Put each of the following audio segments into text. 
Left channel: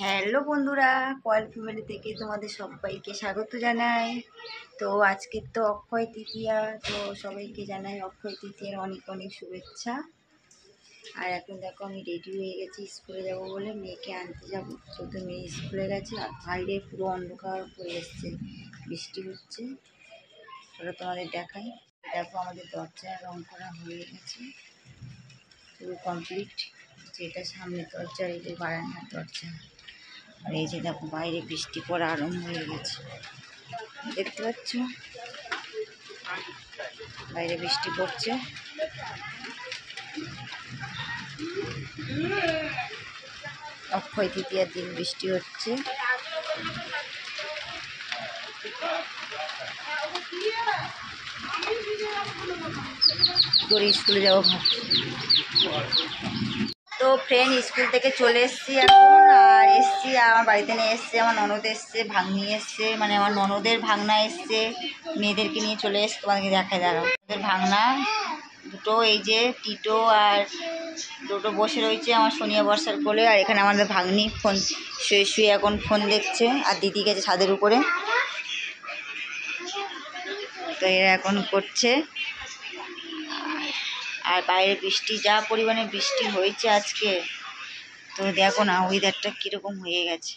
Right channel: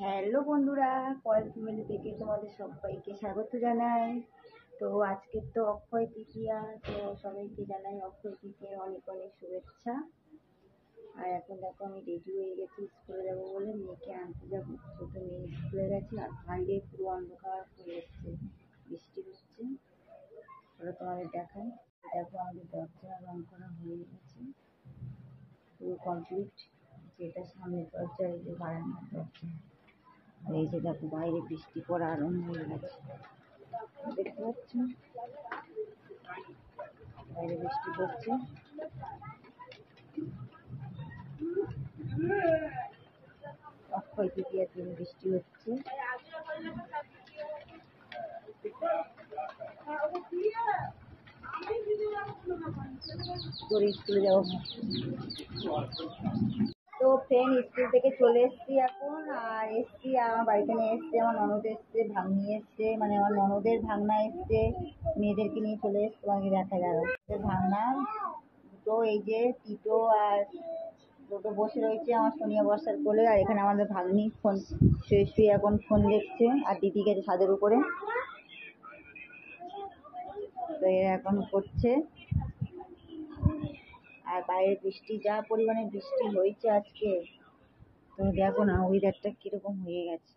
Hello বন্ধুরা, coil family থেকে তোমাদের সবাইকে স্বাগত জানাই। তো আজকে তো অক্ষয় তৃতীয়া, তো সবাইকে জানাই অক্ষয় তৃতীয়ার অনেক অনেক শুভেচ্ছা। আর এখন দেখো আমি রেডি হয়ে গেছি, স্কুলে যাব বলে মেয়েকে আনতে যাব। তো মেয়ে স্কুলে গেছে আর বাইরে পুরো অন্ধকার হয়ে এসছে, বৃষ্টি হচ্ছে। ওটা তোমাদের দেখাই। দেখো আমাদের দরজা রং করা হয়ে গেছে, পুরো কমপ্লিট। যেটা সামনের দরজা, এই যে বারান্দার দরজা। আর এই যে দেখো বাইরে বৃষ্টি পড়া আরম্ভ হয়ে গেছে, দেখতে পাচ্ছ বাইরে বৃষ্টি পড়ছে। অক্ষয় তৃতীয়ার দিন বৃষ্টি হচ্ছে। তোর স্কুলে যাবো ভাবছি। তো ফ্রেন্ড স্কুল থেকে চলে এসছি এখন, আর এসছি আমার বাড়িতে নিয়ে এসছে, আমার ননদ এসছে, ভাগ্নি এসছে, মানে আমার ননদের ভাগনা এসছে, মেয়েদেরকে নিয়ে চলে এসছে। তোমাদেরকে দেখায় দাঁড়াও, ওদের ভাগনা দুটো, এই যে টিটো আর দুটো বসে রয়েছে আমার সোনিয়া বর্ষার কোলে। আর এখানে আমাদের ভাগ্নি ফোন শুয়ে শুয়ে এখন ফোন দেখছে, আর দিদি গেছে ছাদের উপরে। তো এরা এখন করছে। আর বাইরে বৃষ্টি, যা পরিমাণে বৃষ্টি হয়েছে আজকে, তো দেখো না ওয়েদারটা কীরকম হয়ে গেছে।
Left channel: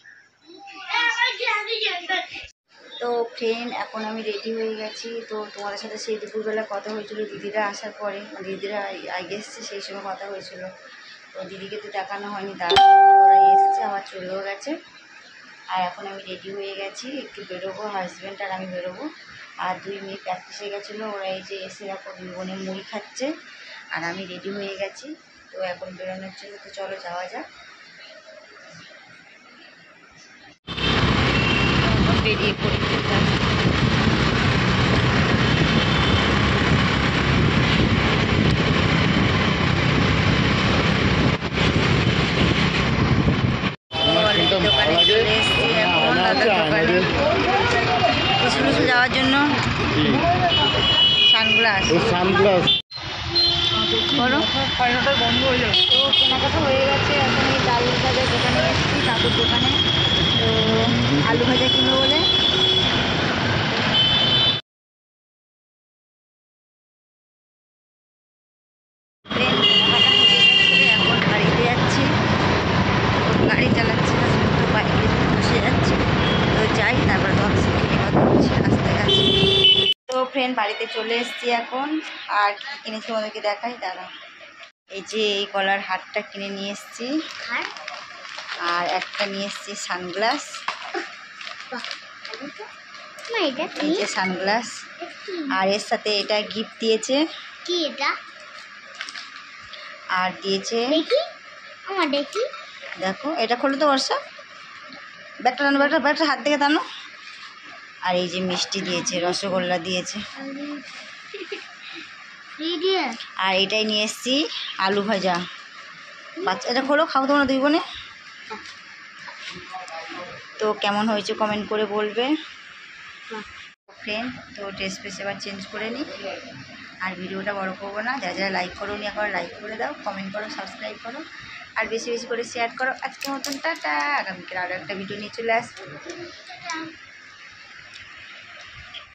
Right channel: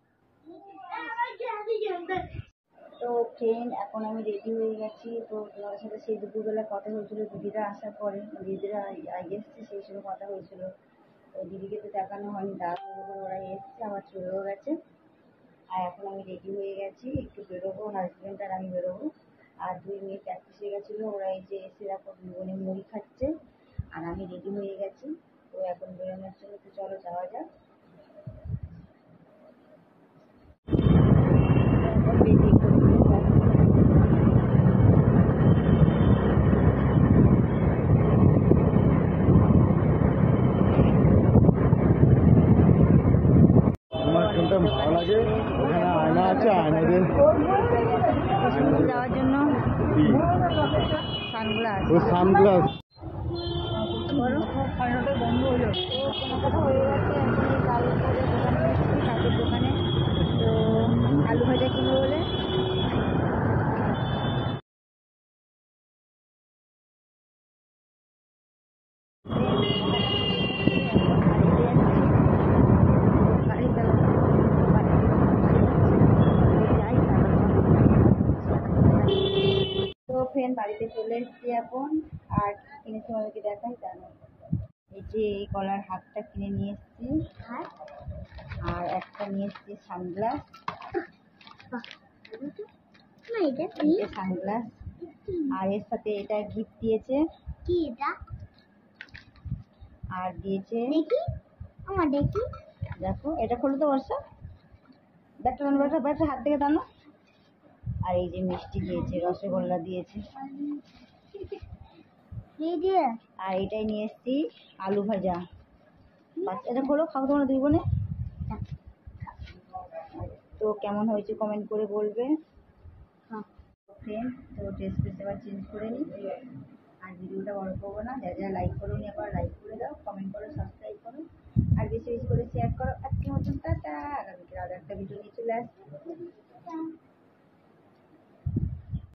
তো ফ্রেন্ড এখন আমি রেডি হয়ে গেছি। তো তোমাদের সাথে সেই দুপুরবেলা কথা হয়েছিল দিদিরা আসার পরে, দিদিরা আগে এসছে, সেই সময় কথা হয়েছিল। তো দিদিকে তো দেখানো হয়নি, ওরা এসছে আবার চলেও গেছে। আর এখন আমি রেডি হয়ে গেছি, একটু বেরোবো, হাজব্যান্ড আর আমি বেরোবো। আর দুই মেয়ে প্র্যাকটিসে গেছিলো, ওরা এই যে এসে এখন বোনে মুড়ি খাচ্ছে, আর আমি রেডি হয়ে গেছি। তো এখন বেরোনোর জন্য, তো চলো যাওয়া যাক। এখন বেরিয়ে পড়ি। দোকানে চলে এসছি এখন, দাদার দোকানে কিছু যাওয়ার জন্য সানগ্লাস বন্ধ হয়ে যাবে। তো কেনাকাটা হয়ে গেছে, এখন এই আলু ভাজার দোকানে এসেছি, কাকুর দোকানে। আলু ভাজা কিনবো বলে এখন বাড়িতে যাচ্ছি। গাড়ি চালাচ্ছি না, শুধু বাইকে বসে যাচ্ছি। তো যাই, তারপর তোমার সঙ্গে কথা হচ্ছে রাস্তায় আছি। তো ফ্রেন্ড বাড়িতে চলে এসেছি এখন, আর কী কিনেছি ওদেরকে দেখাই দাঁড়া। এই যে এই গলার হারটা কিনে নিয়ে এসেছি, আর একটা নিয়ে এসেছি সানগ্লাস। এই যে সানগ্লাস, আর এর সাথে এটা গিফট দিয়েছে। কি এটা? আর দিয়েছে, দেখি দেখো, এটা খোলো তো বর্ষা, ব্যাগটা টানো, ব্যাগটা হাত থেকে টানো। আর এই যে মিষ্টি দিয়েছে, রসগোল্লা দিয়েছে। আর এটাই নিয়ে এসেছি আলু ভাজা। বাচ্চা, এটা খোলো, খাও তোমরা দুই বোনে। তো কেমন হয়েছে কমেন্ট করে বলবে ফ্রেন্ড। তো ড্রেস ফ্রেস এবার চেঞ্জ করে নিই, আর ভিডিওটা বড় করবো না। যা যা লাইক করো নি একবার লাইক করে দাও, কমেন্ট করো, সাবস্ক্রাইব করো, আর বেশি বেশি করে শেয়ার করো। আজকের মতন টাটা, আগামীকাল আরও একটা ভিডিও নিয়ে চলে আসবো।